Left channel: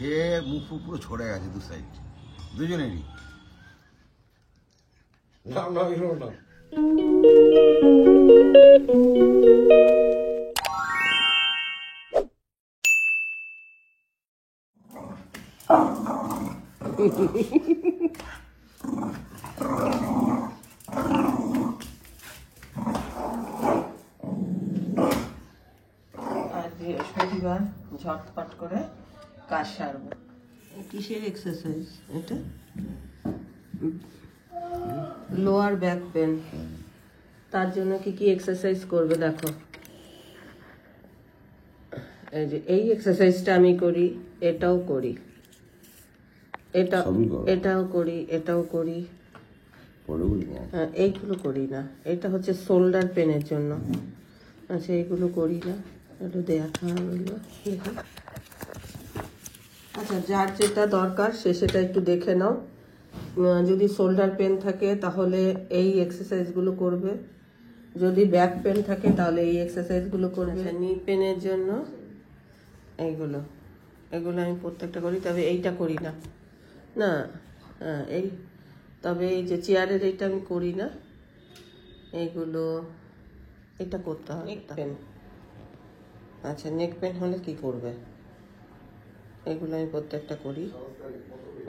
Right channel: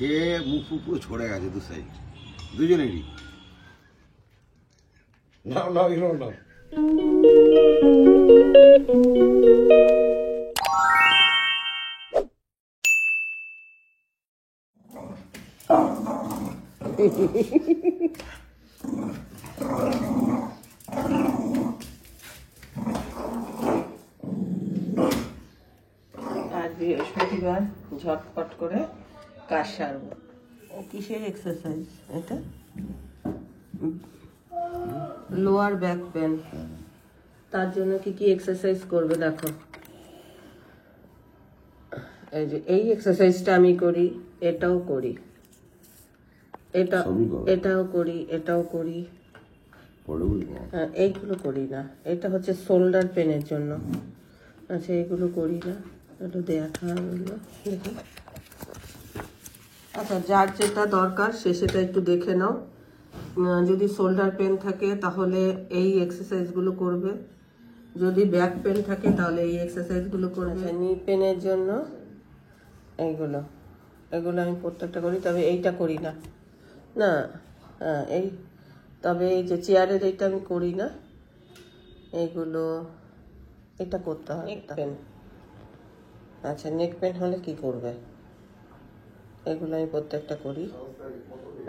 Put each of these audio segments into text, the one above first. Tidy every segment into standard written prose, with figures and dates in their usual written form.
খেয়ে মুখ ফুক পুরো ছড়ে গেছে দু সাইড দুজনেরই। না না না আজ বৃহস্পতিবার ঝটপট করে কাজ সারবো। কিসের এক্সারসাইজ এটা? Lower back pain. তার জন্য কি কি এক্সারসাইজ করবে দেখো। এই যে এই এক্সারসাইজটা আমি করি, এটাও করি, এটাও করি, এটাও করি, এইগুলো করি না। এটা হচ্ছে শোল্ডার পেনের জন্য। আচ্ছা এইগুলো করি না, একটু দেখা হলো। আচ্ছা যার যেটা দরকার সে সেটা একটু দেখে নাও। যদি শোল্ডার পেন থাকে তাহলে এই এক্সারসাইজগুলো করবে, যদি ব্যাক পেন থাকে তাহলে এই এক্সারসাইজগুলো করবে। নি পেনের জন্য এইগুলো এগুলো আমি প্রত্যেকটা করি, তবে এইটা করি না। না হ্যাঁ এই, তবে এই যে চেয়ারের এইটা আমি করি না। এইগুলো এটা করতে হয়। নেক পেন, আচ্ছা নেক পেন হলে কি করবে? এগুলো আমি প্রত্যেকটা করি,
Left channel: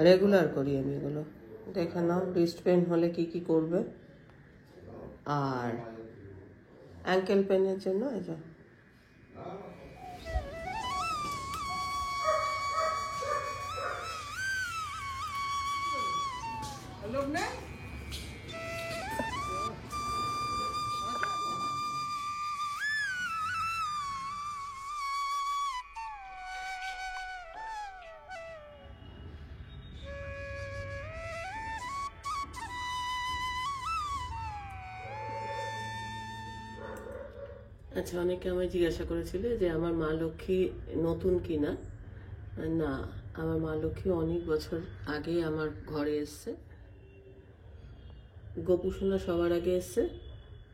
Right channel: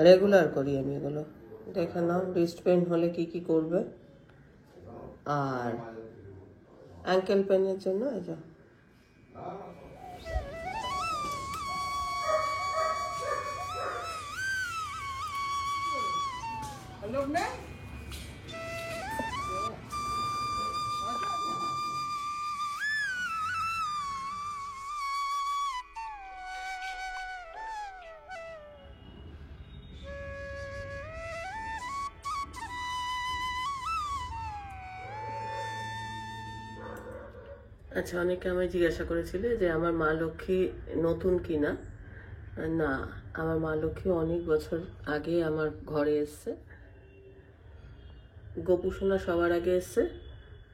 রেগুলার করি আমি এগুলো। দেখে নাও রিস্ট পেন হলে কি কি করবে। আর অ্যাঙ্কেল পেনের জন্য এই যে আচ্ছা অনেকে আমায় জিজ্ঞাসা করেছিল যে আমার মা লক্ষ্মী নতুন কিনা। না, আমার মা লক্ষ্মী অনেক বছর আগে আমার ঘরে এসছে। গোপুসোনা সবার আগে এসছে,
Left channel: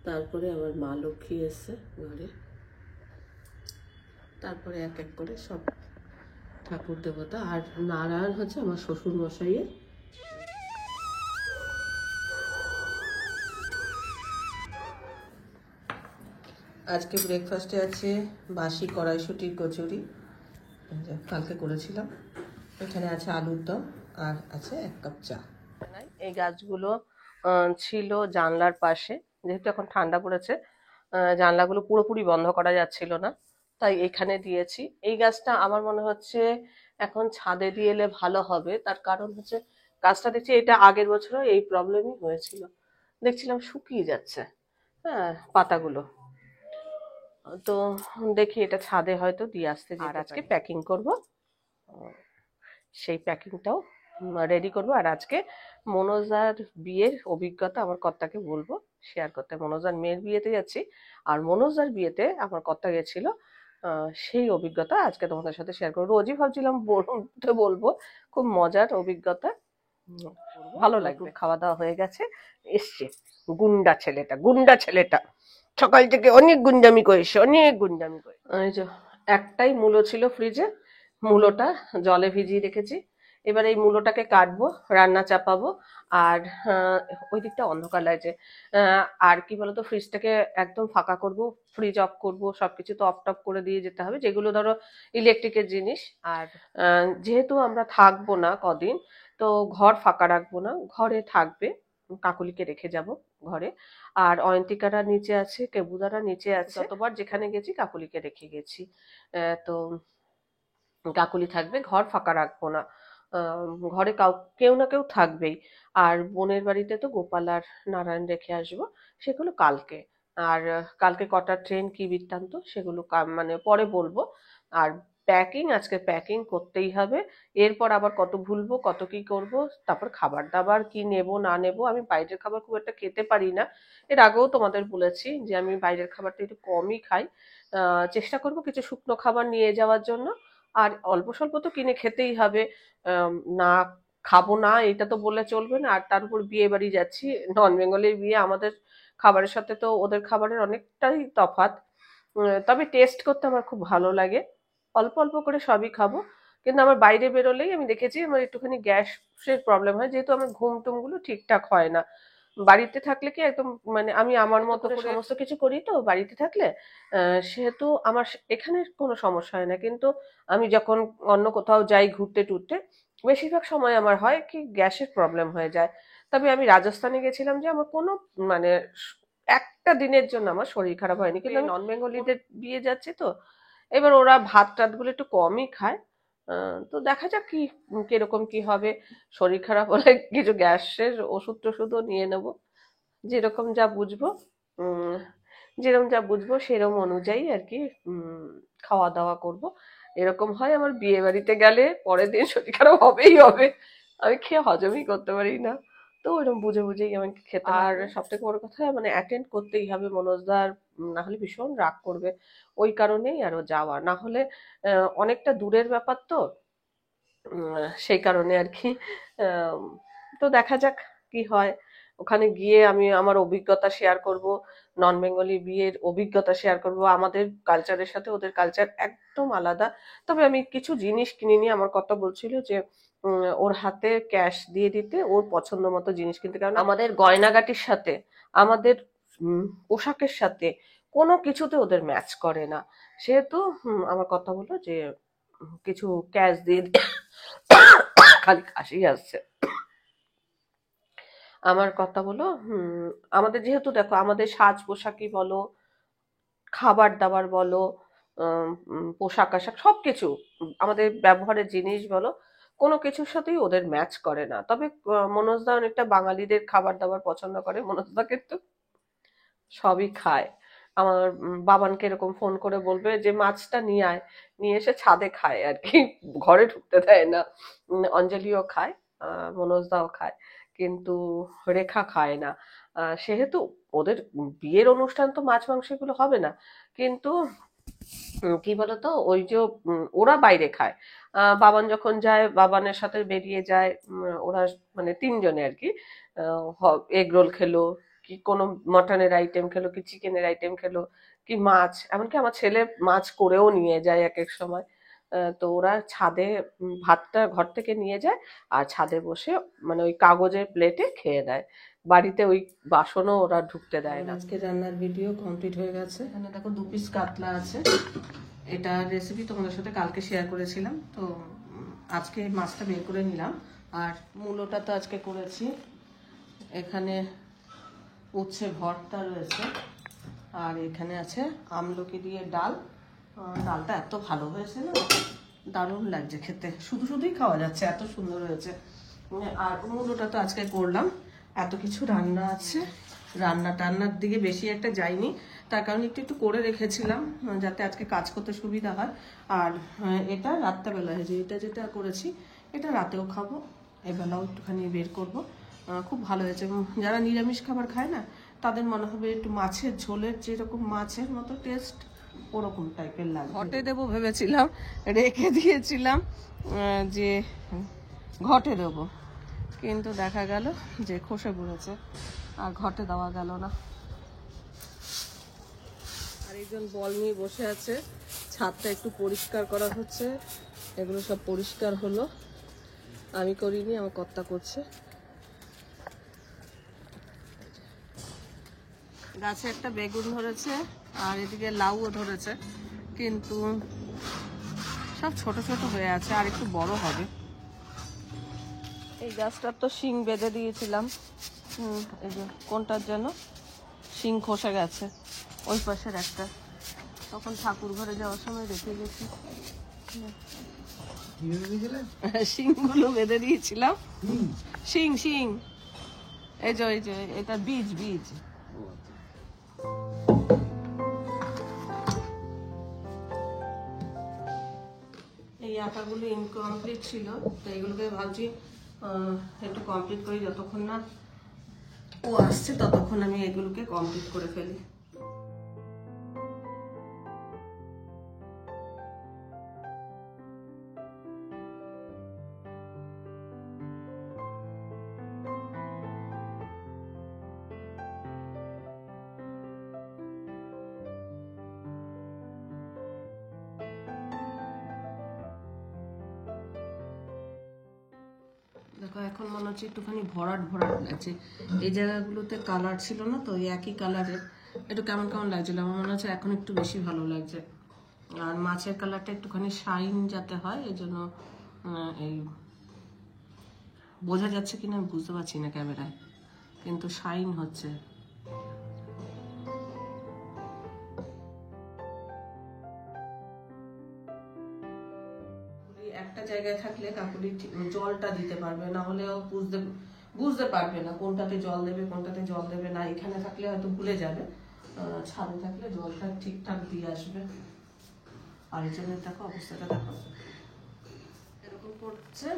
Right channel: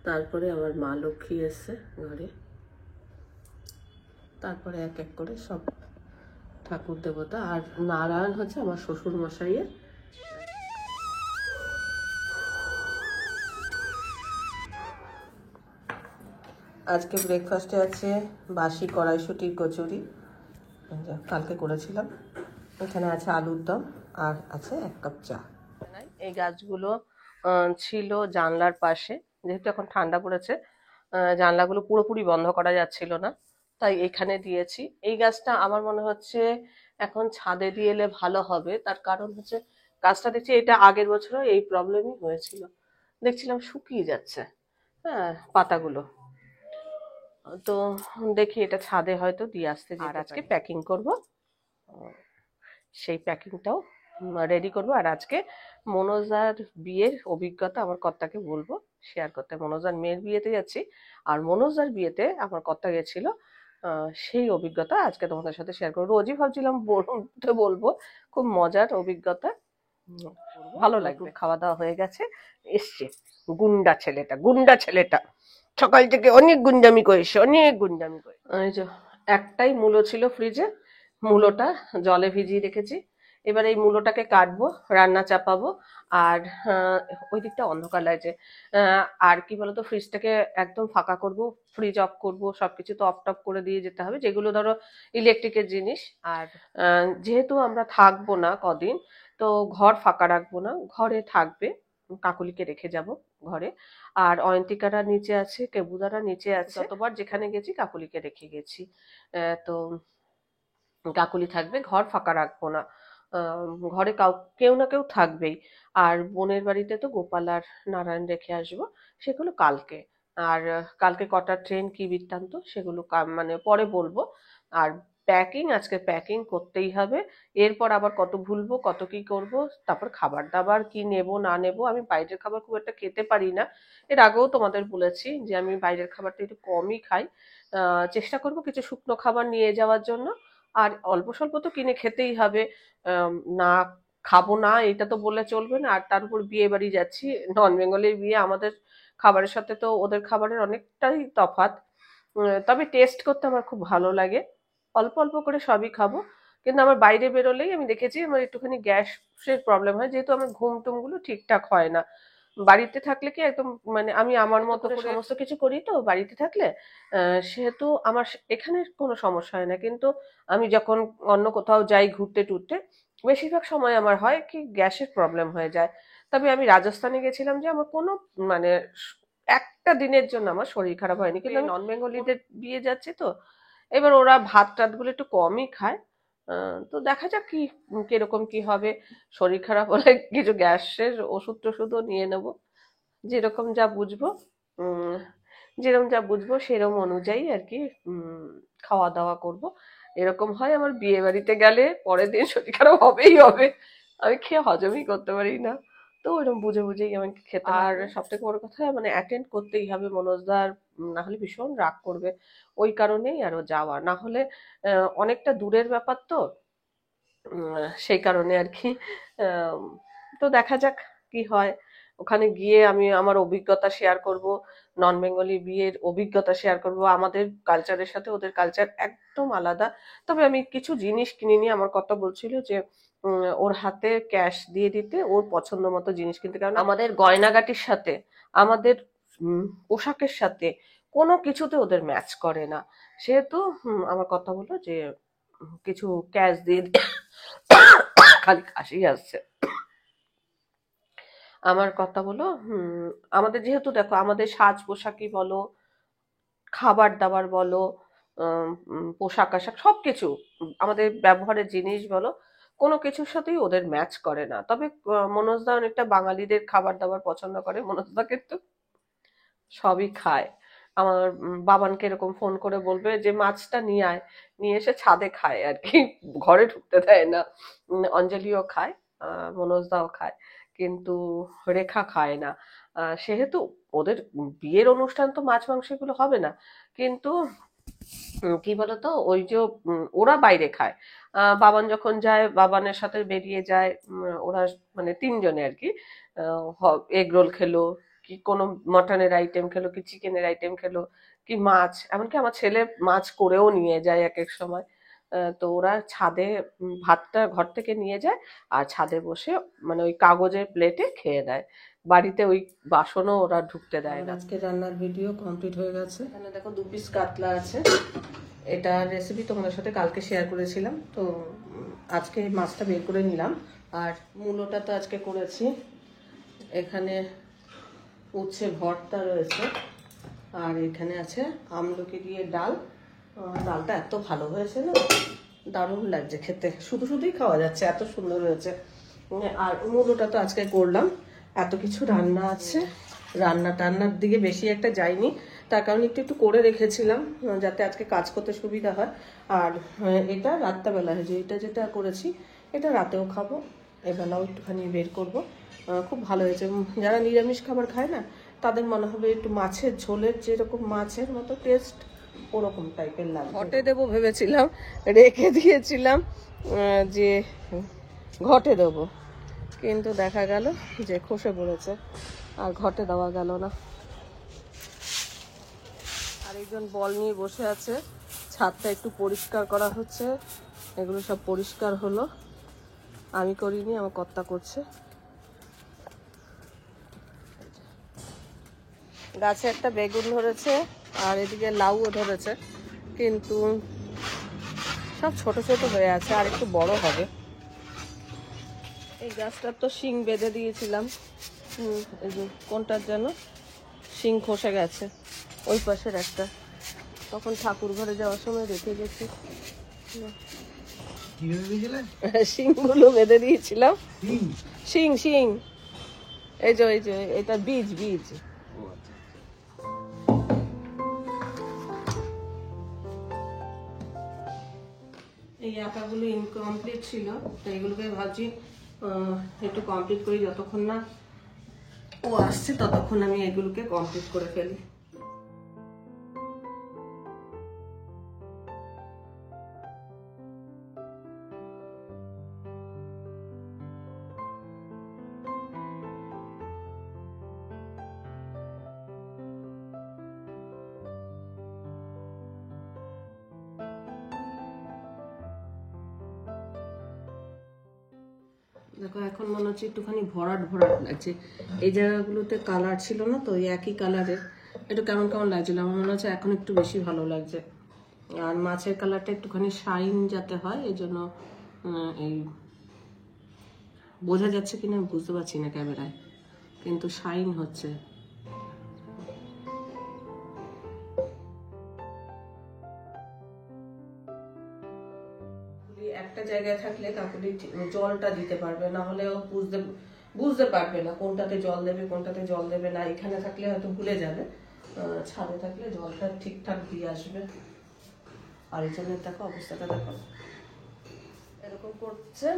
তারপরে আমার মা লক্ষ্মী এসছে ঘরে, তারপরে এক এক করে সব ঠাকুর দেবতা। আর নারায়ণ হচ্ছে আমার শ্বশুর মশাইয়ের। আজকে ব্রেকফাস্টে আছে বাসি কড়াইশুটির কচুরি, কালকে করেছিলাম। এখানে আছে আলুর দম আর আছে 1 কাপ চা। এই গাছগুলো ছিল জানলার পাশে, যেহেতু এখন ঠান্ডা পড়েছে জানলাগুলো পুরোপুরি বন্ধ করা যাচ্ছিল না, তাই এখানে দিয়েছি। এই গাছটা আমার মনে হচ্ছে এখন ছাদে দিয়ে এলে ভালো হবে। তার কারণ হচ্ছে গাছটা দেখছি এটা আগের বছরও এই প্রবলেমই হয়েছিল, দেখছিলাম শুকিয়ে যাচ্ছে হ্যাঁ পাতাগুলো। তো দেখি এটা ছাদে হয়তো দিয়ে আসতে যেতে পারি। আর আজকে প্যাকিং করব, সেই প্যাকিংটাও রেডি করব। আর আজকে মনোজার বিয়ের অভিজ্ঞতা আমার কর্তাকে বলবো শেয়ার করতে। মনোজার মেয়ের বিয়েতে যাচ্ছি, আর মনোজার বিয়েতে আমার কর্তা গেছিল, সেই অভিজ্ঞতা আজকে তোমাদের সাথে শেয়ার করবো। রোজই ভাবছিলাম বলবো, খুব মজার অভিজ্ঞতা, ভালো লাগবে। খাওয়া দাওয়া হয়ে গেছে, এসছে গুন্ডা ছেলেটা সকাল থেকে অনেক গুন্ডামি করেছে, অনেক গুন্ডামি করে। এই যে একটাই মূলো ছিল ফ্রিজে, মূলোটা জলে ভিজিয়ে রেখেছি। এবার এই মূলোটাকে কাটবো, রান্না চাপাবো। আর ওই দিকটা অন্ধকার লাগছে। আর কি বলতো, ফ্রিজটাকে একদম ফাঁকা করব, ফ্রিজ অফ করব, সবকিছু তো অফ টপ করে দিয়ে যেতে হবে, যেগুলো ধরো ইলেকট্রিকের জিনিস। আর যেহেতু আমরা থাকবো না কদিন, তো ঘর ফাঁকা রাখবো না, ঘরে থাকবে, কাকুলিকে রেখে যাব ঘরে। আর অয়ন্তিকারা নিচে আছে, কেবুদারা নিচে আছে। যতবার যেখানে গেছি কাকুলিকে রেখে গেছি, তো কাকুলি থাকবে, ঘর ফাঁকা রাখবো না। ঘরে কেউ না কেউ থাকবেই। আর বোনের বাড়িতে তো গোপাল আর নারায়ণ রেখে আসবো, সেগুলো কালকে। আর কালকে কটার ট্রেন কি বৃত্তান্ত সেগুলো মানে পরে বলবো। আর প্যাকিং আজকে প্যাকিং করতেই হবে। এরপর আবার কত ভুলবো, কত কি করব। তারপর খাবার দাবার কি নেব না নেব। আমি বাইরের খাবার খুব একটা খেতে পারি না, এর আগেও তোমাদের বলেছি যে আমি বাইরের খাবারটা একটু কমই খাই। চেষ্টা করব কিছু শুকনো খাবার নিয়ে যাওয়ার জন্য। আর অল্প স্বল্প তো কিনে খেতেই হবে, না খাবো না এটা তো বললে চলবে না। আর তার উপর বিয়ে বাড়ি যাচ্ছি, নন বেঙ্গলের বিয়ে, আমাদের খাবারের সাথে তো ওদের খাবারের অনেকটাই তফাৎ। তবে টেস্ট করতে আমার খুব ভালো লাগে, অল্প অল্প করে সবই খাবো। কিন্তু আমার বাইরে বেরোলেই আমি দেখেছি আমার একটুখানি গ্যাসের প্রবলেম হয়, যেহেতু আমার ঘুম টুম গুলো ঠিকঠাক হয় না। বাড়িতে থাকলে কি একদম মানে আমি আমার মতো করে সমস্ত কিছু করি তো বাড়িতে থাকলে, সেহেতু আমার এখানে কোনো সমস্যা হয় না। কিন্তু আমি যখন অন্য কোথাও যাই ঘুরতে টুরতে, বেশিরভাগ সময় আমার হয় কি গ্যাসের প্রবলেম হয়ে যায়। তবে আমি রাজস্থানে গেছিলাম যে আমার কোনো মানে একটা দিনের জন্য আমার শরীর খারাপ হয়নি। কিন্তু আমি নন বেঙ্গলিদের বিয়ে যাচ্ছি তো, এবার ওরা ভাত টাত গুলো একটু কমই খায়। তো দেখা যাক কি কিরকম কি হবে। শরীর খারাপ হলে কিছু গ্যাসের ওষুধ টষুধও নিয়ে নেব, যেরকম যা বুঝবো। উম যেরকম যা বুঝবো সেরকম অনুযায়ী আর কি খাওয়া দাওয়া করব। এরকম হয় আমার বিয়ে বাড়িতে গেলে পরের দিন শরীর খারাপ হবেই হবে, আমি খেয়ে হজমই করতে পারি না। তো ওইরকম বুঝে বুঝেই আমাকে খেতে হয়। আর সব থেকে বড় কথা মানে অ্যাটেন্ড করতেই হবে মনোজদার, না হলে ভীষণ রাগ করবে। ওই কারণেই আরো যাওয়া, না হলে অনেকটা দূরের ব্যাপার তো, সেই কারণে আর কি। আম, তো দেখা যাক কি হয়। ওখানে গিয়ে আমি আমার অভিজ্ঞতা শেয়ার করব, নন বেঙ্গলি বিয়ের অভিজ্ঞতা শেয়ার করব। আমাদের কালচারের সাথে ওদের কালচার একদম আলাদা। তবে আমি কিছু জিনিস কিনিনি, আমার কথা বলছিল যে ওর হাতে ক্যাশ দিয়ে দিতে, ওর পছন্দ মতো জিনিস কিনতে, কারণ আমাদের গয়নাগাটির সাথে আমাদের পোশাকের সাথে কোনো কিছুতে ওদের ম্যাচ করে না। সেহেতু আমার কথা হলো যে কিছু ক্যাশ দিয়ে খালি কাশি আসছে। আমার কথা বলো, আমাদের যেহেতু দেখো আমাদের সাজ পোশাকই বলো, খাবার দাবার বলো, পোশাক আশাক সবকিছু, আমাদের ব্যবহারের জিনিস বলো, কোনো কিছুর সাথেই ওদের ম্যাচ করে না। তবে মনোজদা অনেকটা বাঙালিদের খাবার দাবার পছন্দ করে, মনোজদা কিন্তু সবই খায়। আমার বাবানকে এরকম ফোন করে বলবে যে মাছটা নিয়ে আয়, নিয়ে এসে ছাদে খায় আর কি, ঘরে ঢুকতে দেয় না। অঞ্জলিও খায়, মনোজদাও খায়, কিন্তু রেখা খায় না। সেহেতু ওদের বিয়ের অনুষ্ঠান তো মাছ মাংস এগুলো হবে না। কিন্তু কি বলতো ওই যে ওরা বাইরে খায়। বাবান যখন যায় বাবানের সাথে বেরিয়ে যায়, ওরা মানে তিনজনে আর কি, এগ রোল খেলো, কি কোনো মটনের আইটেম খেলো, কি চিকেনের আইটেম খেলো, কি মাছ, এমনকি আমার ছেলে মাছ করেও নিয়ে যায় এক এক সময়। তো ওরা ছাদে ভাতটা ঘর থেকে নিয়ে যায়, আর ছাদে বসে মানে ওই কাগজের প্লেটে খেয়ে দেয়। বাড়িতে ওই বাসনও ওরা ঢুকতে দেয় না। আজকে রান্নার ভিডিও কমপ্লিট হয়ে গেছে। এখানে দেখো 2 পিস কাতলা আছে, এটা রেসিপি তোমাদের সাথে কালকে শেয়ার করেছিলাম। তো আজকে মাছটা বের করে নিলাম। আর মূলোটা তো আজকে করেছি। এখানে উচ্ছে ভর্তা রয়েছে, আর এখানে আছে আমলকি দিয়ে ডাল। ডালটা এত ভালো হয়েছে না, দারুণ লাগছে খেতে, শুধু শুধুই খাওয়া যাচ্ছে, এত সুন্দর হয়েছে। আর মূলোটা তো আজকে করলাম। এত কিছু রান্না আছে, রান্না টান্নার দিকে বেশি একটা যাইনি, তার কারণ একটু একটু করে রেখেছিলাম যাতে আজকে কাজ করতে সুবিধা হয়। আর এটা রাত্রেবেলায় যে এটা যেটা করেছি, এটা রাতেও খাবো, এবেলাও একটুখানি বের করব। খুব ভালো হয়েছে। যারা নিরামিষ খাবার খায় না, তাদের মনে হবে একটু মাছের ঝোলের যেরকম মাছের মতো টেস্ট, ওরকম টাইপের লাগে। ঘটে দেবো ভেবেছিলাম, রেখে দিয়েছিলাম যে ঘটে দেবো, কিন্তু দেখা গেল যে খসে পড়েছে, আর ঘটে দেওয়া গেল না। আর একজন বল নিয়ে বসে আছে, ছাদটা একটু পরিষ্কার করা হচ্ছে। এগুলো সব পরিষ্কার হলো, আমি করিনি, আমার কর্তা করছে। গাছে একটা বেগুন ধরেছে, আর এদিকে লাউও ধরেছে, কিন্তু সব ছোট ছোট হয়ে আছে, আর একটু বড় হবে। এই গাছটার তো শিং বেঁধে দিয়েছিলাম, এই যে কোনটার যেন শিং খসে গেছে, ওই পাশের একটা, তখন ঠাকুর ঘরে যাওয়ার সময় রেখে গেছি। শিংগুলো বেঁধে দিয়েছিলাম, শিং শিং, এই যে এটা বীজ বীজ। এই আঁকাগুলো ইনকমপ্লিট ছিল, তো এইগুলোকে ভাবছি একটু কমপ্লিট করি, যতক্ষণ না ও আসছে ততক্ষণ আমি এগুলোকে কমপ্লিট করে ফেলি। দেখো এখন মনে হচ্ছে একটুখানি ভরাট ভরাট লাগছে। এই জায়গাগুলোতে কালার ছিল না তো, একই কালারের একটু কেমন কেমন লাগছিল। আমার মনে হচ্ছে এখন একটু বেশি ভালো লাগছে। আর মাছের কালারটা একটুখানি শাইন যাতে হয়, এই জন্য এই বোঝা যাচ্ছে কিনা আমি বুঝতে পারছি না ক্যামেরায়, কিন্তু শাইন হচ্ছে। একটা জায়গায় থাকলে কাকুলি জলটা দিতে পারবে, না হলে ও বুঝতে পারবে না কোনটাতে জল দেবে কোনটাতে জল দেবে না। এখানে থাকলে হয়তো ভুলে যাবে, ছাদে থাকলে জলটা ঠিকঠাক দিয়ে আসবে। আর এই জন্য দেখো অবস্থাটা দেখো এরকম করছে।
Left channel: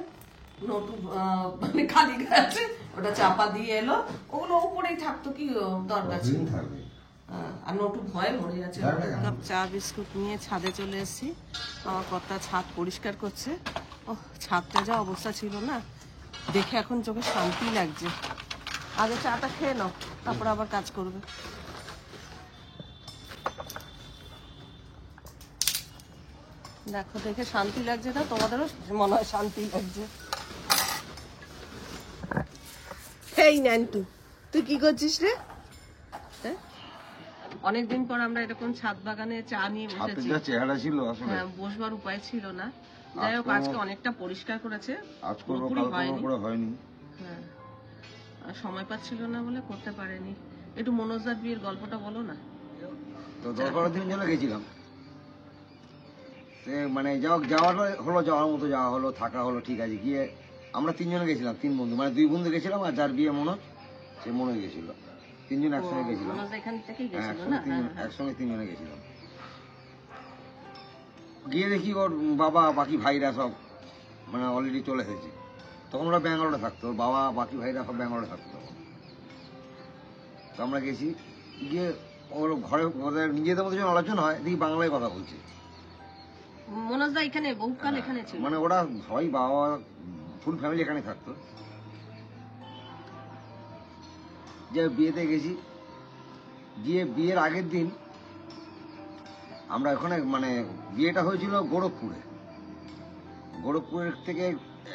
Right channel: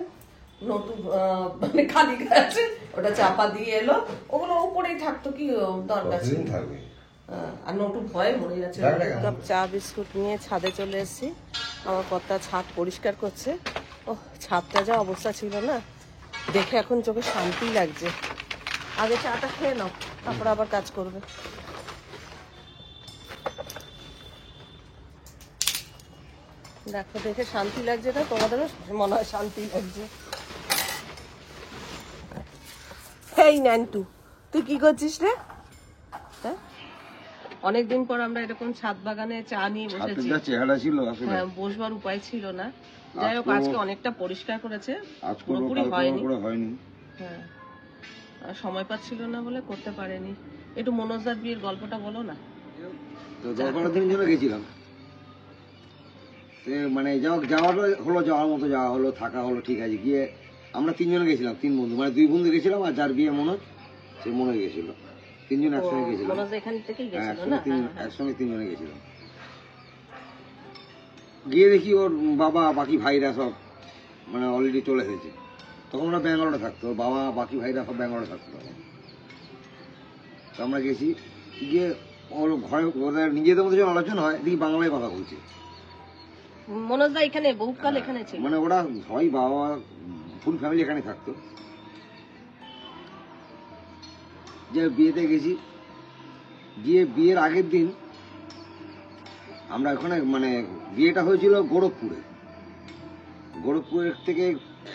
নটু মানে খালি গাছে ওটা চাপা দিয়ে এলো, ওগুলো উপরেই থাকতো, কি দরকার ছিল। আর নটু ভয়ে মরে যাচ্ছে। কাপ চা বিস্কুট নিয়ে ছাদে চলে এসেছি। আমার কর্তা ছাদ পরিষ্কার করছে। ও ছাদটা যা অবস্থা ছিল না, দেখে এখন চোখে শান্তি লাগছে। আগে চাটা খেয়ে নাও, তারপর আবার কাজ করবে। দেখো দেখে শান্তি লাগছে না তোমাদেরও? মনে হয় শান্তি লাগছে। এই ন্যান্টু, তুই কি করছিস রে? হ্যাঁ, অনেকদিন পর আমরা এরকম ছাদ বাগানে চা নিয়ে বসেছি। চেহারা ছিল হ্যাঁ, বসবার উপায় ছিল না। যাই হোক আজকে অনেকটা পরিষ্কার করেছে, পুরোপুরি হয়নি। হ্যাঁ, সময় পাচ্ছিল না বলে করতে পারেনি। একটু মনোজদার বিয়ের গল্পটা বলো না। তো 10-12 দিনের জন্য গেছিলাম, মানে যাওয়ার হলো, যাওয়ার মতো যাওয়া হলো, থাকা হলো, ঠিক আছে। গিয়ে আমরা 3 জনে গেছিলাম, 3 বন্ধু, মানে 2 বন্ধু গেছিলাম, আর যার বিয়ে মনোজ, সে মনোজ গেছিল। 3 জন একসঙ্গে গেছিলাম। একসঙ্গে 3 জনে গেছিলাম। গিয়ে দেখি ওর বাবা বাকি ভাইরা সব মানে অলরেডি চলে এসেছে। তখন ওরা ব্যাঙ্গালোরে থাকতো, ওর বাবা বাকি ভাইরা সব ব্যাঙ্গালোরে থাকতো তখন। তো আমরা গেছি, গিয়ে ওর ঘরে ওদের নিজেদের মধ্যে যখন আলোচনা হয়, দেখি বাংলায় কথা বলছে। মনোজদা এখানে বহুকাল এখানে ছিল, মানে ওরা সবাই বাবা ফুল ফ্যামিলি এখানে থাকতো। যে বিয়েতে গেছি, গিয়ে বিয়ের আগের দিন আমরা ওখানে, মানে বিয়েটা হয়েছিল গোরখপুরে। গোরখপুরের থেকে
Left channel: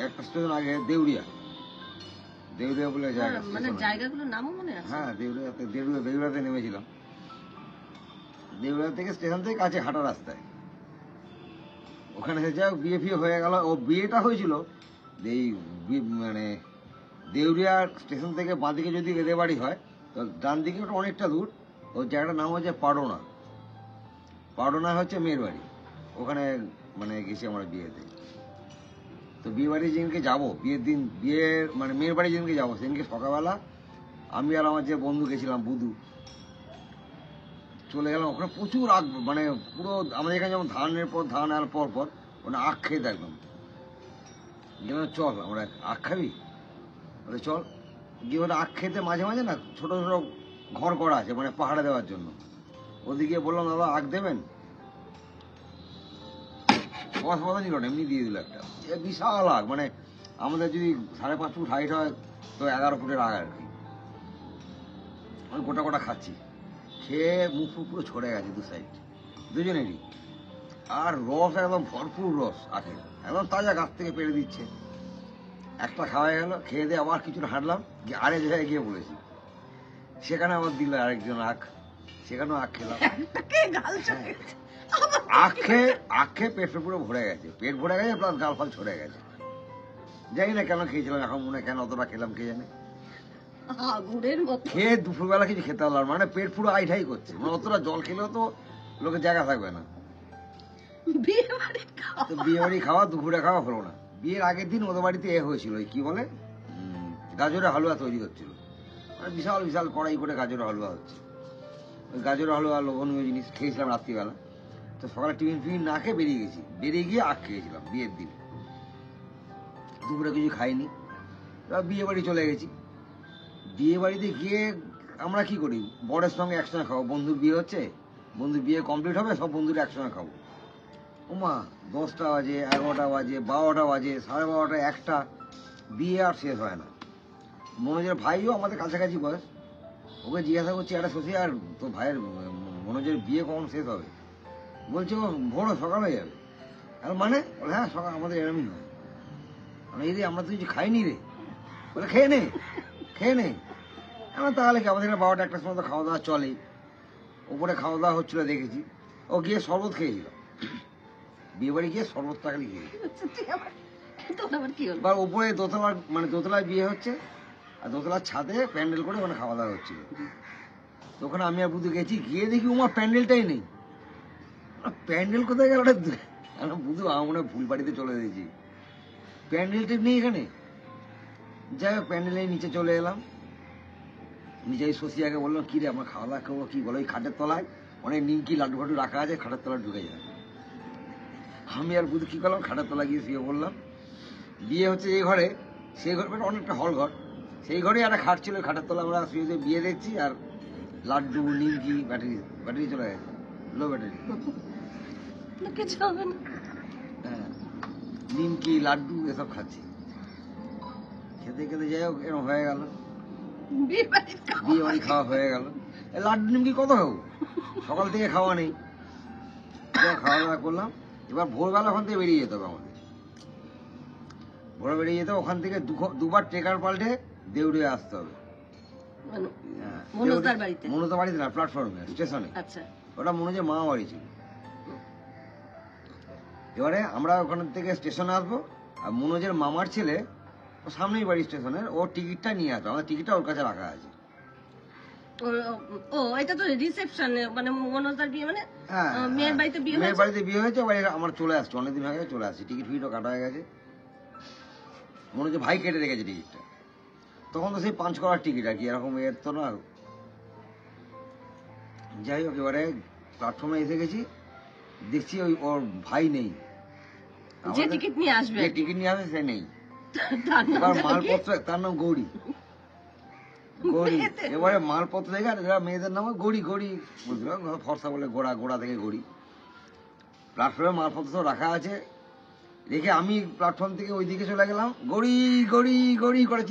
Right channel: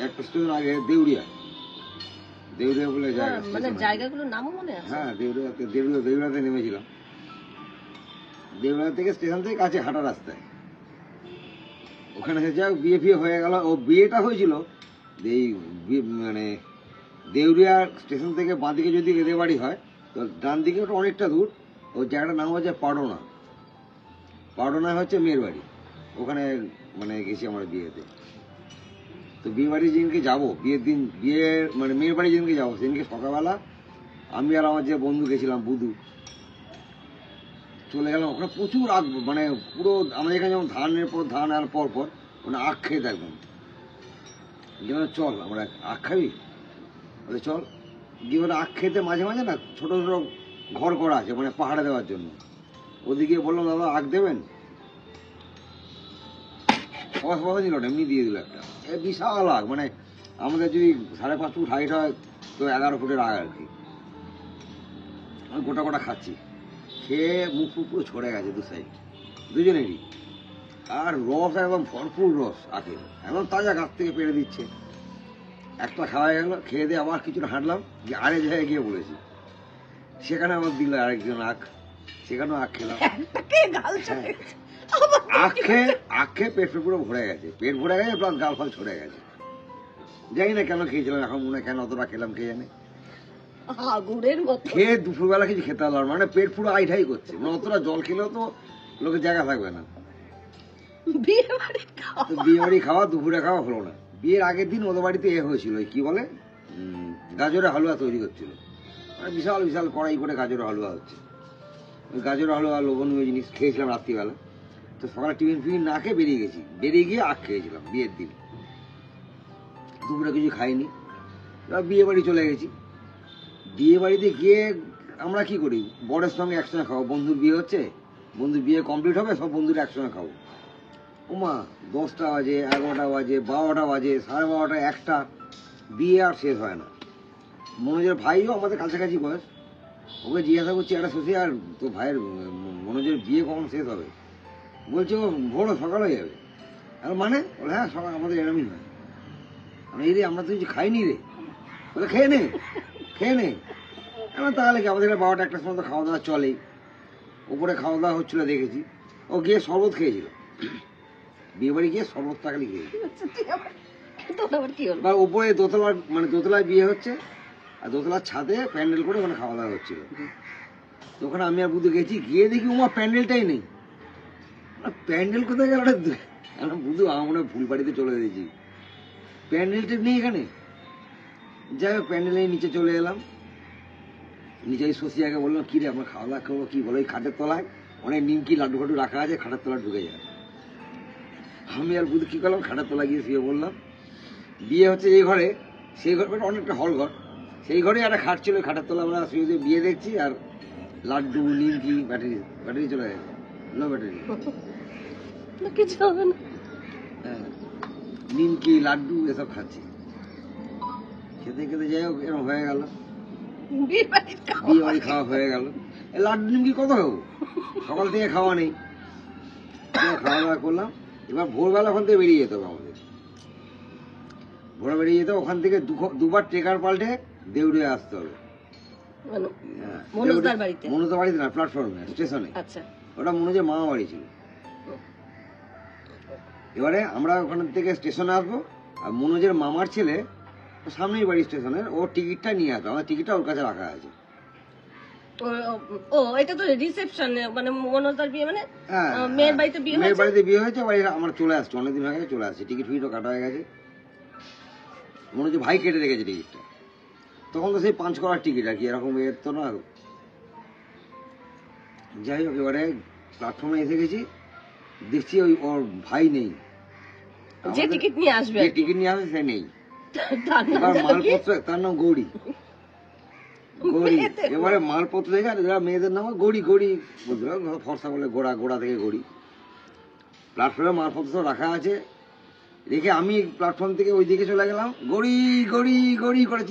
একটা স্টেশন আগে দেউরিয়া বলে জায়গা, মানে জায়গাগুলোর নামও মনে আছে। হ্যাঁ, দেউরিয়াতে নেমেছিলাম। দেউরিয়া থেকে স্টেশন থেকে কাছে হাঁটা রাস্তায় ওখানে যাই বিয়ে ফিয়ে হয়ে গেল। ও বিয়েটা হয়েছিল এই মানে দেউরিয়া স্টেশন থেকে বাঁদিকে যদি এদের বাড়ি হয়, তো ডান দিকে ওটা অনেকটা দূর। ওই জায়গাটার নাম হচ্ছে পাডোনা হচ্ছে মেয়ের বাড়ি। ওখানে মানে গেছি আমার বিয়েতে। তো বিয়ে বাড়ি যেদিনকে যাবো, বিয়ের দিন, মানে মেয়ের বাড়ি যেদিনকে যাবো, সেদিনকে সকালবেলা আমি আর আমার যে বন্ধু গেছিলাম বুধু, চলে গেলাম। ওখানে প্রচুর আগ, মানে পুরো আমাদের এখানে যেমন ধানের পর ধান আর পর ওখানে আখ খেয়ে থাকবেন। চল আমরা আখ খাবি, বলে চল। গিয়ে ওরা আখ খেতে মাঝে মাঝে না ছোট ছোট ঘর করা আছে, মানে পাহাড়ে দেওয়ার জন্য। ওদিকে বললাম দাদা আখ দেবেন, সবাই দিল না, এমনি দিয়ে দিল একটা বিশাল আগ। মানে আমাদের যদি 5.5 ফুট হাইট হয়, তো 11 ফুটের আগ আর কি। আমি গোটা খাচ্ছি, খেয়ে মুখ পুরো ছড়ে গেছে দুজনেরই। আর রস একদম ভরপুর রস আখের, একদম তাজা গাছ থেকে পেড়ে দিচ্ছে। একটা খাওয়া গেল, খেয়ে দিয়ে আবার কিছুটা হাঁটলাম, যে আরেক জায়গায় গিয়ে বলেছি, সেখানে আমার দিল আরেকজন আখ, সেখানেও আখ খেলাম। আখ খেয়ে পেট পুরো ভরে গেছে, প্লাস গাল ফাল ছড়ে গেছে। জানি না কেন খেয়েছিলাম, এখন মনে হয় কেন অতটা খেলাম কে জানে। খেয়ে দুপুরবেলা কিছু খেতে হলো, মানে পেট পুরো আইঠাই করছে। মানে অতটা জল খেলেও তো লোকের জায়গা থাকবে না। বিয়ে বাড়ি খাওয়া, দুপুরে খাওয়া হলো না। বিয়ের আগের দিন ওদের বাড়িতে হয়েছিল, কি বলে গাজরের হালুয়া তৈরি হচ্ছিল। মানে বিশাল বিশাল কড়াই করে গাজরের হালুয়া হচ্ছে। ওই গাজরের হালুয়া লোভনীয় জিনিস খেয়েছিলাম রাত্রিবেলা। তো সকালে টিফিন না খেয়ে বেরিয়ে গিয়ে আখ খেয়েছিলাম বিয়ের দিন। দুপুরে কিছু খাইনি, বিয়ে বাড়ি চলে গেছি। বিয়ে বাড়িতে গিয়ে আমরা কি করি, বরের সঙ্গে একসঙ্গে খাবো। বন্ধুর বিয়ে হচ্ছে, বন্ধুর বিয়ে কমপ্লিট হবে, সব বন্ধুরা একসঙ্গে খাবো। ওমা 10টা বাজে, 11টা বাজে, 12টা বাজে, 12:30, 1টা, বিয়ে আর শেষ হয় না। মনোজের ভাইও আমাদের কাছাকাছি বয়স, ওকে জিজ্ঞাসা করছি একটা শশী, আর তো ভাইয়ের মনোজের বিয়ে কখন শেষ হবে? বলছে ও ভোর সকাল হয়ে যাবে। আর মানে হ্যাঁ, সকাল আমাদের এরমই হয়। আমরা তো কিছু খাইনি রে। বলে খেয়ে নে খেয়ে নে। আমার তাহলে কি, আমাদের 12টা 1টার সময় তো খাওয়া দাওয়া চলেই। ওপরে খাওয়া দাওয়া হচ্ছিল দেখেছি, ও গিয়ে শরবত খেয়েছিল, বিয়ে বাড়ি গিয়ে শরবত টাকালি খেয়েছিল। বা উপরে দোতলা, মানে দোতলায় বিয়ে হচ্ছে, আর দোতলার ছাদে প্যান্ডেল করে ওখানে খাওয়া দাওয়া হচ্ছিল। তো ওখানে আমি আর বুধু গেছি, গিয়ে দেখি ওমা প্যান্ডেলটাই নেই। প্যান্ডেল কোথায় গেল? বুধু আমার মনে হয় ভুল বাড়িতে চলে গেছি, প্যান্ডেলটা নেই এখানে। যাই হোক প্যান্ডেলের নিচে চলে এলাম। নিচে শশিয়াকে বললাম, কি রে আমরা খাওয়া দাওয়া করবো, কি বলো? ওই খাটের তলায় অনেক নিমকি লাড্ডু ফাড্ডু রাখা আছে, খাটের তলায় ঢুকে যায়। আমি আর বুধু কি করলাম, খাটের তলায় গিয়ে শুয়ে বললাম। বিয়ে হচ্ছে যে ঘরে, সেই ঘর অনেকটা হল ঘর, সেই ঘরে একটা খাট ছিল, খাটের তলা আমরা শুয়ে বিয়ে দেখছি, আর লাড্ডু নিমকি ব্যাটারি ব্যাটারি চলে গেছে, লো ব্যাটারি, কিছু হবে না। হ্যাঁ নিমকি লাড্ডু এসব খাচ্ছি, খেতে খেতে যাই হোক এরকম হয়ে গেল, বিয়ে বাড়ি খাওয়া হয়ে গেল। লাড্ডু নিমকি কত খাবো, সকাল থেকে খাওয়া নেই, খাওয়া দাওয়া করলাম। এবার ভোরবেলা ওখান থেকে বেরিয়ে যেত হবে আমাদের, ভোরে বেরিয়ে যেত, ওখান থেকে দুবার ট্রেকার পাল্টে দেউড়িয়ে আসতে হবে। মনোজদার বাড়িতে না, প্ল্যাটফর্মে স্টেশনে। ওটা মনোজের মামা বাড়ি ছিল। এবারে আমরা ওখান থেকে স্টেশনে আসবো, আর মনোজের মামার ছেলে সামনেই বাড়ি স্টেশনের, ও টিকিটটা নিয়ে আসতো, আমার টিকিটটা ওর কাছে রাখা আছে। এটা তো রিসেপশন, মানে মনোজদার বিয়ে, মানে মেয়ের বাড়িতে বিয়ে হয়েছে, আমার চলে আসছে, অনেকদিন হয়ে গেছে চলে আসছে, টিকিট ফি তো কাটা হয়ে গেছে। মনে হচ্ছে ভাই কেটে রেখেছে টিকিটটা, তখন তো সেই 5 করার টিকিট আর কি, এরকম এর তো না। যাই হোক এবারে প্ল্যাটফর্মে এসে গেছি, দেখছি ওর ভাই নেই, যে টিকিট নিয়ে আসবে সে নেই। এবার মালপত্র, তার নাম গৌরী, এবারে মালপত্র দেখে, মেয়েদের নাম গৌরী বলছিল, ফর্সা বলে গোড়া থেকে গৌরী। প্ল্যাটফর্মে মালপত্র রাখা আছে, রেখে আমি প্ল্যাটফর্ম থেকে ওই দিকে চলে গেলাম, গড়ি করে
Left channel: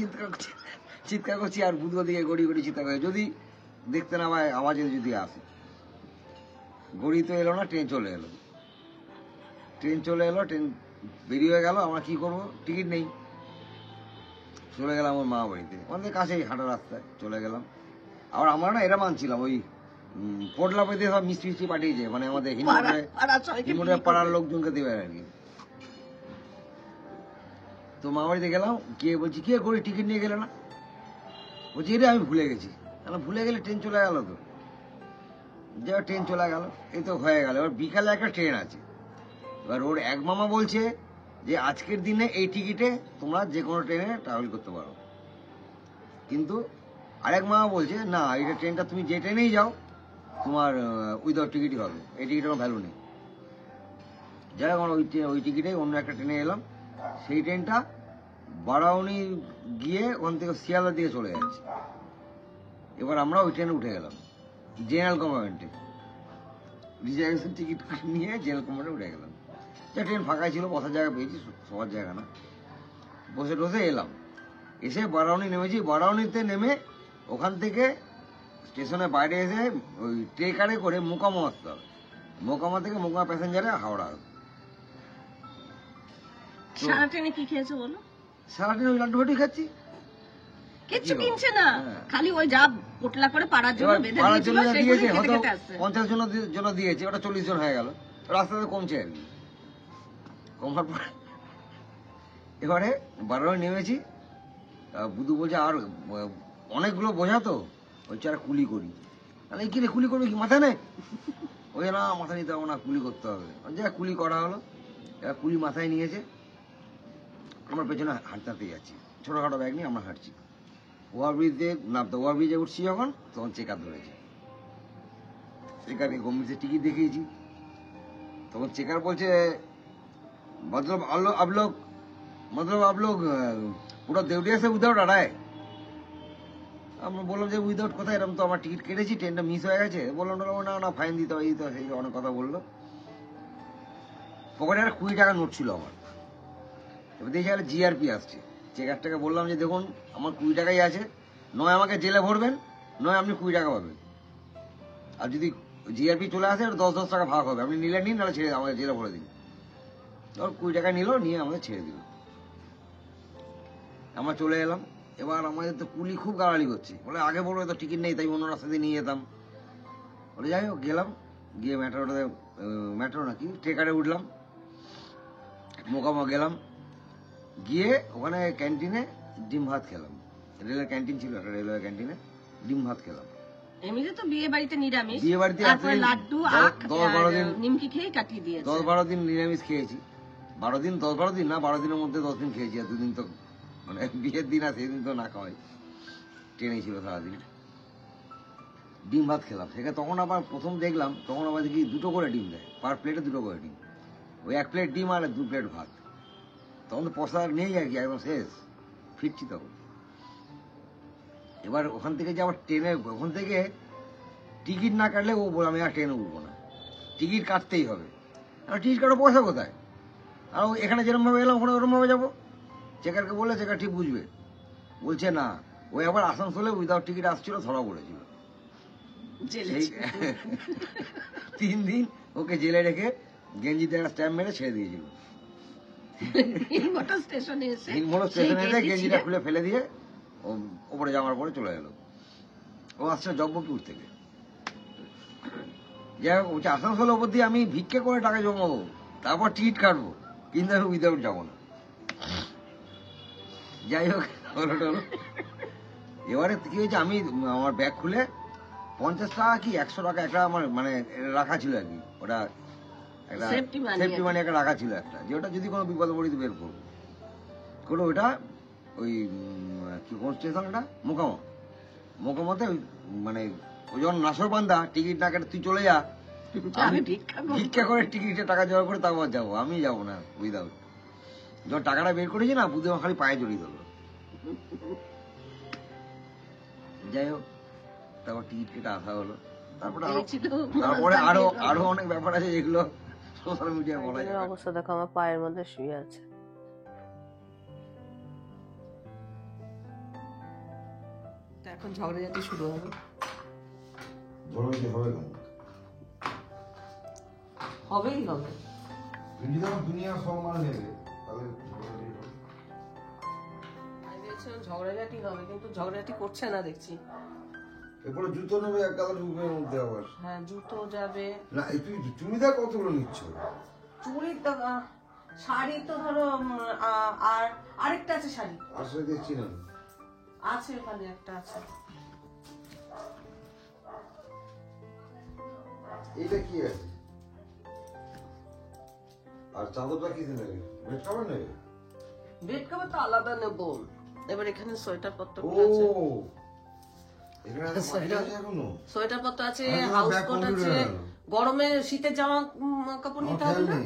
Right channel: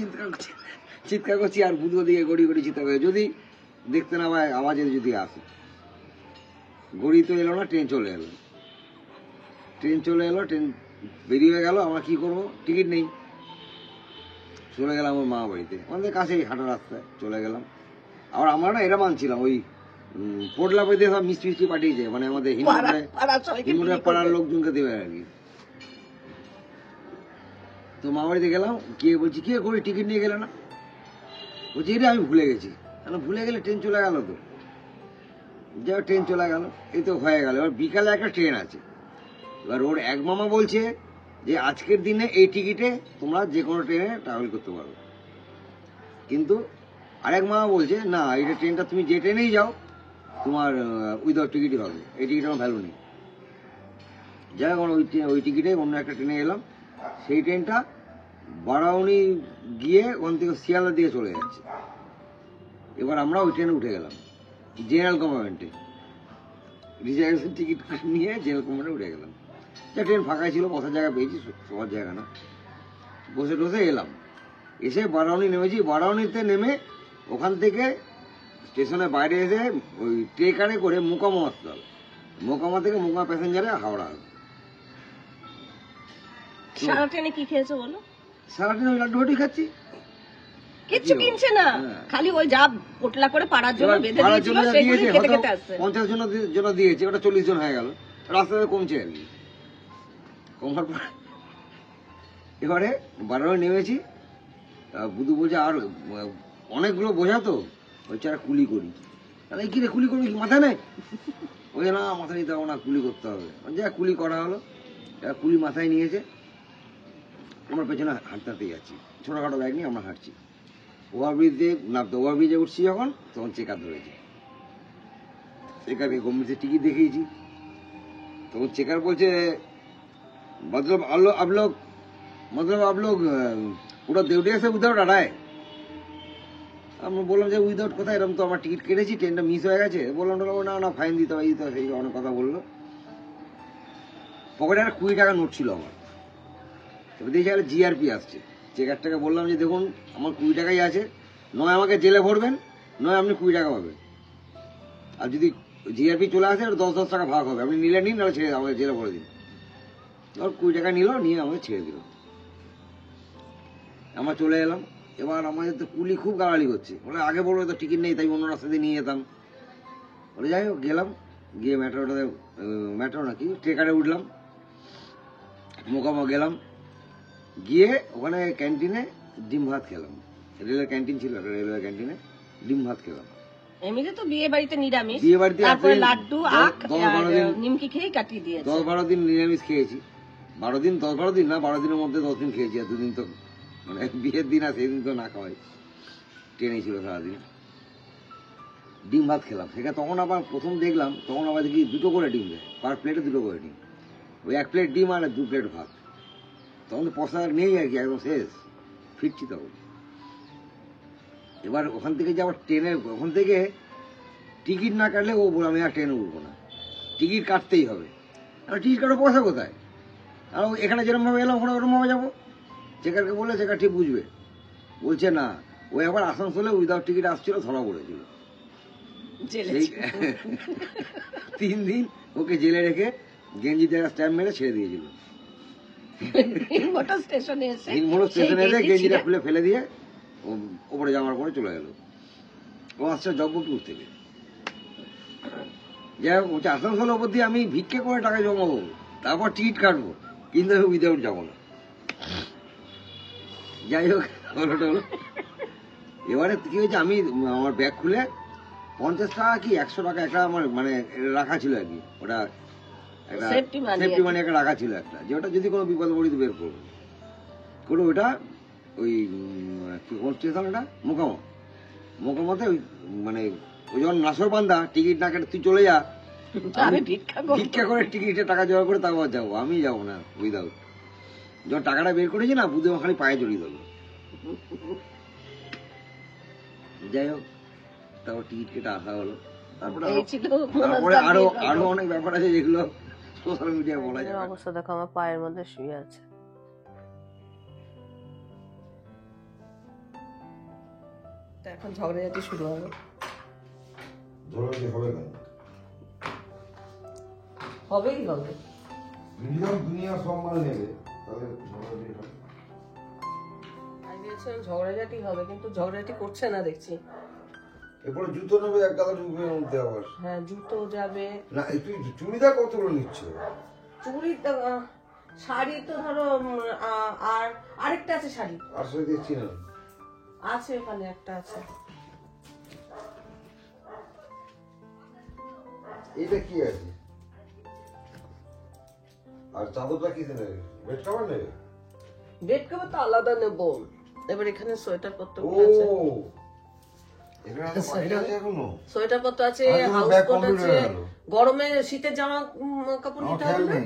চিৎকার করছি, আর বুধ দিকে গড়ি চিৎকার করে, যদি দেখতে না পায় আওয়াজে যদি আসে। গড়ি তো এলো না, ট্রেন চলে এলো, ট্রেন বেরিয়ে গেল। আমরা কি করবো, টিকিট নেই, চলে গেলাম ওর মামা বাড়িতে, আমাদের কাছেই হাঁটা রাস্তায় চলে গেলাম। আবার আমরা না এটা মানছিলাম, ওই পোটলা পেতে সব মিষ্টি পাঠিয়েছে, মানে আমাদের হিন্দুদের পাড়ার লোকজনকে দেবে আর কি। তো মা বাড়িতে গেলাম, গিয়ে বলছি কে করি টিকিট নিয়ে গেলে না, বলছি এটা আমি ভুলে গেছি। ভুলে গেলে ট্রেন চলে গেল, তো যা ট্রেন চলে গেল, এই তো হয়ে গেল। এবার বিকালে একটা ট্রেন আছে, এবার ওর এক মামা বলছে যে আজকের দিনে এই টিকিটে তোমরা যে কোনো ট্রেনে ট্রাভেল করতে পারো, কিন্তু আরেক মামা বলছে না, এইটা ট্রেনটা তুমি যে ট্রেনেই যাও তোমার উইদাউট টিকিটই হবে, এই টিকিট আমার ভ্যালু নেই। যাই হোক ওই টিকিটে অন্য একটা ট্রেনে এলাম, সেই ট্রেনটা বারাউনি গিয়ে ওখান থেকে শিয়ালদা দিয়ে চলে যাচ্ছে। এবার আমরা ওই ট্রেনে উঠে গেলাম, জেনারেল কম্পার্টমেন্টে, রিজার্ভেশন টিকিট নিয়ে জেনারেল কম্পার্টমেন্টে উঠে গেলাম। ট্রেন ফাঁকাই ছিল, বসার জায়গা পেয়েছি, সবার জায়গা না, বসে টসে এলাম। এসে বারাউনি নেমেছি, বারাউনিতে নেমে ওখান থেকে স্টেশনের বাইরে এসে ওই ট্রেকারে করে মোকামা আসতে হবে, মোকামা থেকে মোকামা প্যাসেঞ্জারে হাওড়া আসবে। সারা ট্রেনে কি খেয়েছো বলো? সারা ট্রেনে ওই লাড্ডু ফাড্ডু খাচ্ছি, কিচ্ছু কিনছে না, খালি ওই যা পোটলা করে পাড়ার জন্য বেঁধে দিয়েছিল, সেগুলোই খেতে খেতে আসছে। 50 জন দিয়েছে, ওটা 40 জন হয়ে গেল, রাস্তাতে কমছে আর কি। কমার পর এবারে বারাউনি নেমেছি, বুধু বলছে আর অনেকগুলো বোঝা তো, ওই চারা কুলি করি। তাহলে কি রে কুলি করবি, কি মাথা নেই? ওই না মাথা নিতে হবে না, কুলি করতে হবে। যা কুলি করা হলো, এরা কুলি মাথায় নিয়েছে, আমরা পেছনে হাঁটতে হাঁটতে যাচ্ছি, ছোটখাটো ব্যাগ নিয়ে আমরা হাঁটছি। ওভারব্রিজে নামতে, ওভারব্রিজে উঠছি যখন, তখন চেকার ধরেছি, চেকারকে গভর্নমেন্টের টিকিট দেখিয়েছি, তখন চেকার বলছে मतलब आप लोग पूरा देवरिया से उधर आ रहा है। আমি বললাম যে উইদাউট কথা, এরকম তো আমার টিকিট কেটেছি, ট্রেনটা মিস হয়ে গেছে। বললাম না ফাইন দিতে হবে, সেই অনেক কথা বললো। পকেটে একটা 20 টাকা নোট ছিল আমার, এবার দেখি জিআরপি আসছে। চেকারটাকে বললাম যে দেখুন আমার 20 টাকাই আছে, নয় আমাকে জেলে ভরবেন, নয় আপনি 20 টাকা পাবেন, আর যদি জিআরপি চলে আসে 10 টাকা ভাগ হবে, আপনি নিলে নিন, নাহলে ছেড়ে আমাকে জেলে ভরে দিন। 20 টাকা নিল, নিয়ে আমাকে ছেড়ে দিল। আমরা চলে এলাম, এবার আমাদের তো কুলি খুব গালালি করছে, বলে আগে বলবে তো টিকিট নেই, তাই অন্য রাস্তা দিয়ে নিয়ে যেতাম। বলে যাই হোক গেলাম, গিয়ে মেট্রো নাকি ট্রেকারে উঠলাম, মোকামো গেলাম, গিয়ে ওখানে ক্যান্টিনে ডিম ভাত খেলাম। রেলের ক্যান্টিন ছিল, একটা রেলওয়ে ক্যান্টিনে ডিম ভাত খেলাম। এমনিতে তো বিয়ে বাড়িতে নিরামিষ, বিয়ে বাড়িতে তারপরে লাড্ডু আখ 10-12 দিন নিমকি খেয়ে কাটিয়ে দিয়েছে। 10-12 দিন নিরামিষ খেয়েছি। 12 দিন 10-12 দিন না, 12 দিনের মধ্যে 10 দিন খেয়েছি। আর 2 দিন তো মানে বিয়ের দিন আর সেদিন তো না খাওয়াই, ট্রেনে ছিল সারাদিন। ডিম ভাত খেলাম সেখানে। তখন আবার প্রথম দেখলাম, তখন আবার দেখি 2টো করে ডিম দেয়, পার প্লেটে 2টো করে ডিম। ওই 1 প্লেট ডিম আর 2 প্লেট ভাত। তখন তো পয়সা নেই আর কি, একদম শেষ, ফিরছি তখন। এবার ওখান থেকে যে আবার ট্রেনে, ওখান থেকে টিকিট না কাটলে ও বলে আমি আর ট্রেনে উঠবো না, টিকিট কাটতেই হবে। আর টিকিট কাটার পয়সা কোথায়? আর এখানে যেরকম ভাবে এলাম ওখানে ওরকম ভাবে যাবো। চেকারকে বললে চেকার ঠিক বুঝবে, বলছে না। ওই আবার আসানসোলে উইদাউট টিকিট আসছিল, ধরা পড়েছিল। সেই 3 দিন ওকে জেলে রেখে গেঞ্জি জায়গা স্ট্যাম্প মেরে ছেড়ে দিয়েছিল। হিরমোটর স্টেশনে এসে গেঞ্জিটা খুলে ফেলে দিয়ে ওপরে জামার পরে চলে গেল। ও আসছে জব্বপুর থেকে। যাই হোক, ওটা আসানসোল ওপর দিয়ে আমি ভিক্ষে করে টাকা জমাবো, তারপর টিকিট কাটবো, কিন্তু আমি উইদাউট যাবো না। যাই হোক, হলো। এবারে কি হয়েছে, আমি আমার ব্যাগ খুলে 50 টাকা কি 100 টাকা একটা আমার মানে রাখা ছিল আর কি, ওটা একটা সেফটি মানি একটা রাখা ছিল একটা, যে ওটা যদি কোনো বিপদ পড়ি বের করবো করে। ওটা ওই কোন স্টেশন, ওটা মোকামতে মানে ওই যখন নাসরবান্ধা, টিকিট না কেটে তুই চলে যা, আমি ভিক্ষা করে টিকিটের টাকা জোগাড় করে তারপর যাবো, আমি যাবো না উইদাউট। যখন টাকাটা বের করেছি না, বুঝে খালি পায়ে জড়িয়ে দিল। যাই হোক, তারপর টিকিট কেটে আসা হলো। তারপরে আরো অনেক ব্যাপার আছে যেগুলো সোশ্যাল মিডিয়ায় বলা যায়। অবস্থা দেখো, আমার পায়ের মধ্যে শুয়ে আছে। এখন ঝগড়াঝাটি শুরু হবে। হবেই হবে, দুনিয়া সম্মান নেবে, ঝগড়াঝাটি হবে, কিন্তু ঝগড়াঝাটি করছে না দেখছি। এরপরে জুতো নেবে, এক গাদা ঢুকবে মধ্যে আবার। হ্যাঁ, জুতো যাবে না। তুই চুড়িদার কতগুলো নিচ্ছ? চুড়ি, শাড়ি তো ধরো, আর আরেকটা আছে শাড়ি। আর শাড়ি দেখছি না, আছে ওখানে একটা আছে। এইটা কি আছে? আর চাদরটা কি নেবে? বেড কভার নেবে? বেড কভার তো আলাদা নেবো। এবার এখানে সোয়েটার পত্র আছে, সোয়েটার পত্র আছে, হাউস কোট আছে। গরমে শীতের জামা কাপড় নিতে হবে না?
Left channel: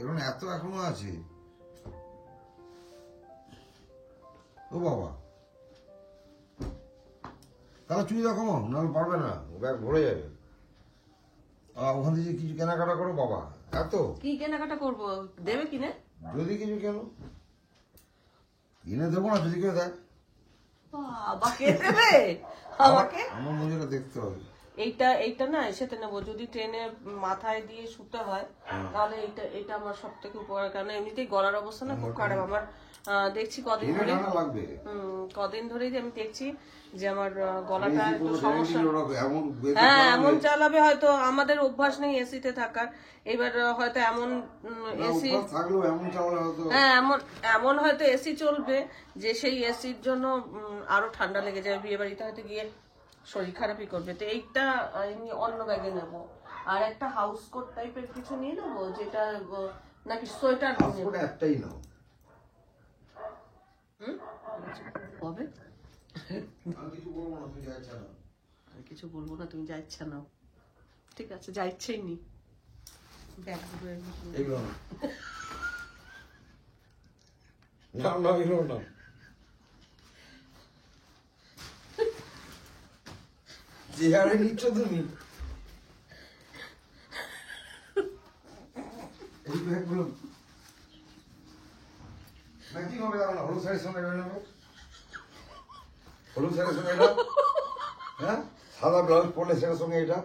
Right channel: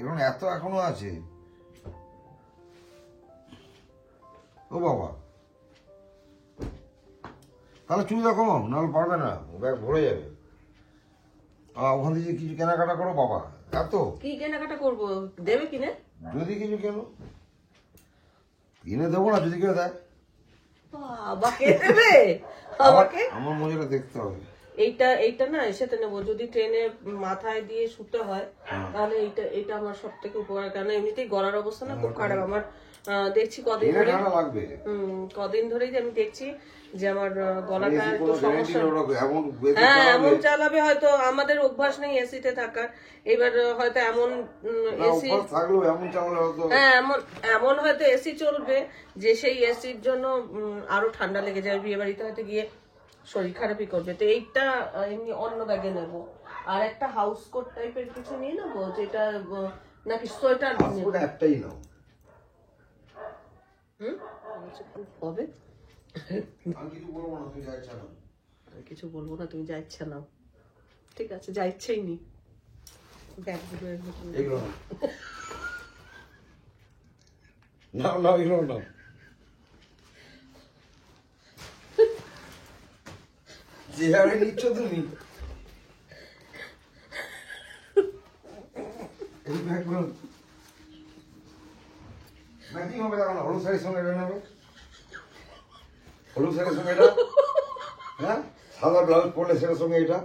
এখন এত এখনো আছে। ও বাবা, তাহলে চুড়িদার কমাও, নাহলে পারবে না, ব্যাগ ভরে যাবে। ওখান থেকে কিছু কেনাকাটা করো বাবা। এত কি কেনাকাটা করবো? দেবে কিনে? যদি কিছু কেন কিনে দেবো না, যদি কিনে দেয় বাবাকে দেবে। আমাকে আমার মজাটা দেখতে হবে। এইটা না এসেতে নেবো। যদি ট্রেনে মাথায় দিয়ে শুতে হয় তাহলে এইটা আমার সব থেকে উপকার। কারণ এমনিতেই গলার অবস্থা না খুব খারাপ আমার। দেখছি কদিন ধরেই আমি দেখছি যে আমার গলাটা একটু সমস্যা। হ্যাঁ, এমন চালাবে হয়তো, আমাদের অভ্যাস নেই এসিতে থাকার। এবার হয়তো এমন এসি, হ্যাঁ এমন হয়তো এসি চলবে যে সেই এসির জন্য আরো ঠান্ডা লেগে যাবে, বিয়ে বাড়িতে হয়তো গিয়ে শরীর খারাপই করবে। তো এইটা এমনি অন্য ব্যাগে নেবো। আর একটা হাউস কোট টাইপের কিছু নিয়ে নেবো, যেটা নাকি সোয়েটার একটাই নাও। হবে, কিছু বলবো কিছু বলবো না, তুই যা ইচ্ছা নাও। না, তুমি যা ইচ্ছা নাও। ঠিক আছে, যা ইচ্ছেই নি। ব্যাগগুলো না যে হারে নিচ্ছ তুমি, এই ব্যাগগুলো নাকি হবে না, হলুদ শাড়ির সঙ্গে বেরোবে, হলুদ শাড়ির সঙ্গে এটা, হ্যাঁ সাদা ব্লাউজ পরলে সেটার সঙ্গে এটা,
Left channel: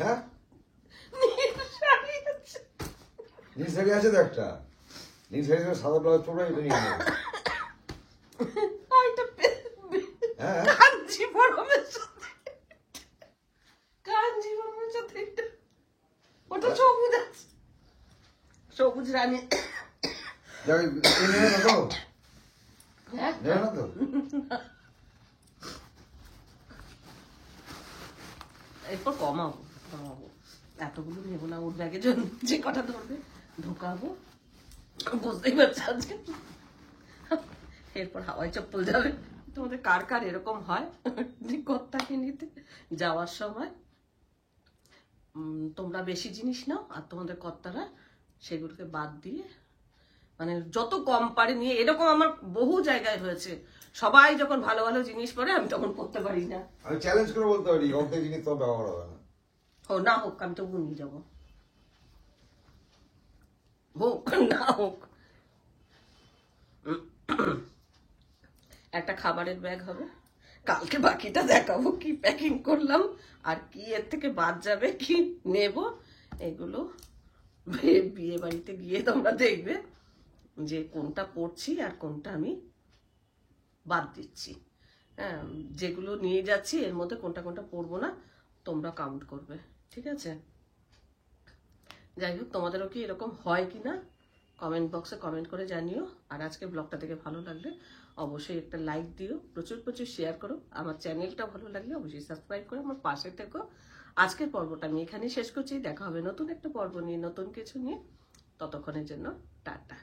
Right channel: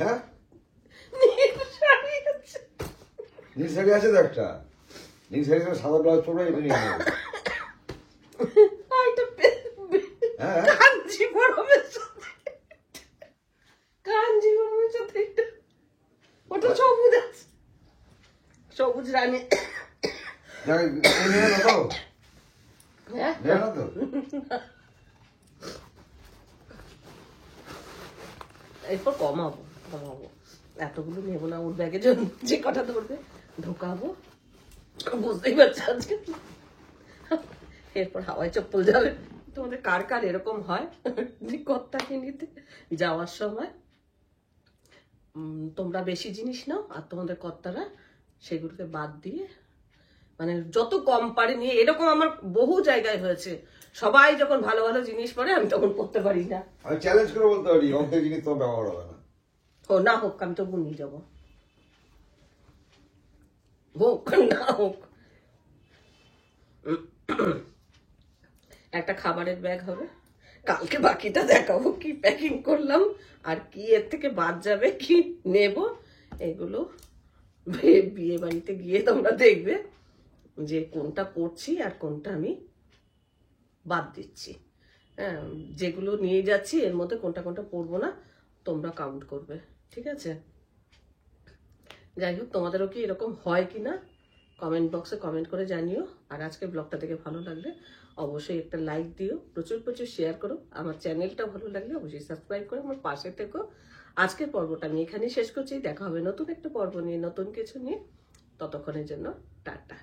হ্যাঁ নীল শাড়ি আছে তো একটা, নীল শাড়ির সঙ্গে সাদা ব্লাউজ পরবে, এটা নিয়ে নেবে। রানী। হ্যাঁ এরপর কমাবো কমাবো, এতগুলো নেবো না, ওর ব্যাগে যে কটা ধরবে ঢোকাবো, বুঝতেই পারছি আজকে। এরপর হাওয়াই চপ্পল যাবে। তোমাদের কার কার এরকম হয় যে কর্তাকে নিতে যাওয়ার সময় তোমরা বেশি জিনিস নাও আর তোমাদের কর্তারা সেগুলোকে বাদ দিয়ে মানে যত কম পারে নিয়ে, এরকম আমার বহু জায়গায় হয়েছে। সবাই যখন ভালো ভালো জিনিস পরে আমি তখন পড়তে পারি না। আমি চ্যালেঞ্জ করে বলতে পারি অর্ধেক জিনিস তোমার ব্যবহার হবে না। ও না হোক, আমি তবু নিয়ে যাবো, হোক না হোক। একটা খাবারের ব্যাগ হবে, কালকে বাকিটা দেখাবো কি প্যাকিং করলাম আর কি এর থেকে বাদ যাবে, কি নেব, এগুলো বিয়ে বাড়িতে গিয়ে তোমরা দেখবে যে কোনটা পড়ছি আর কোনটা আমি বাদ দিচ্ছি। হ্যাঁ, যেগুলো নিয়ে যাচ্ছি এর মধ্যে কোনটা কোনটা পড়বো না তোমরা কাউন্ট করবে, ঠিক আছে? যাই হোক, তোমাদেরও কি এরকম হয় কিনা কমেন্ট বক্সে কমেন্ট করে জানিও। আর আজকে ব্লগটা দেখে ভালো লাগলে অবশ্যই একটা লাইক দিও, প্রচুর প্রচুর শেয়ার করো। আমার চ্যানেলটা ভালো লাগলে অবশ্যই সাবস্ক্রাইব করো, আমার পাশে থেকো। আজকের পর্বটা আমি এখানেই শেষ করছি, দেখা হবে নতুন একটা পর্ব নিয়ে, নতুন কিছু নিয়ে। ততক্ষণের জন্য টাটা।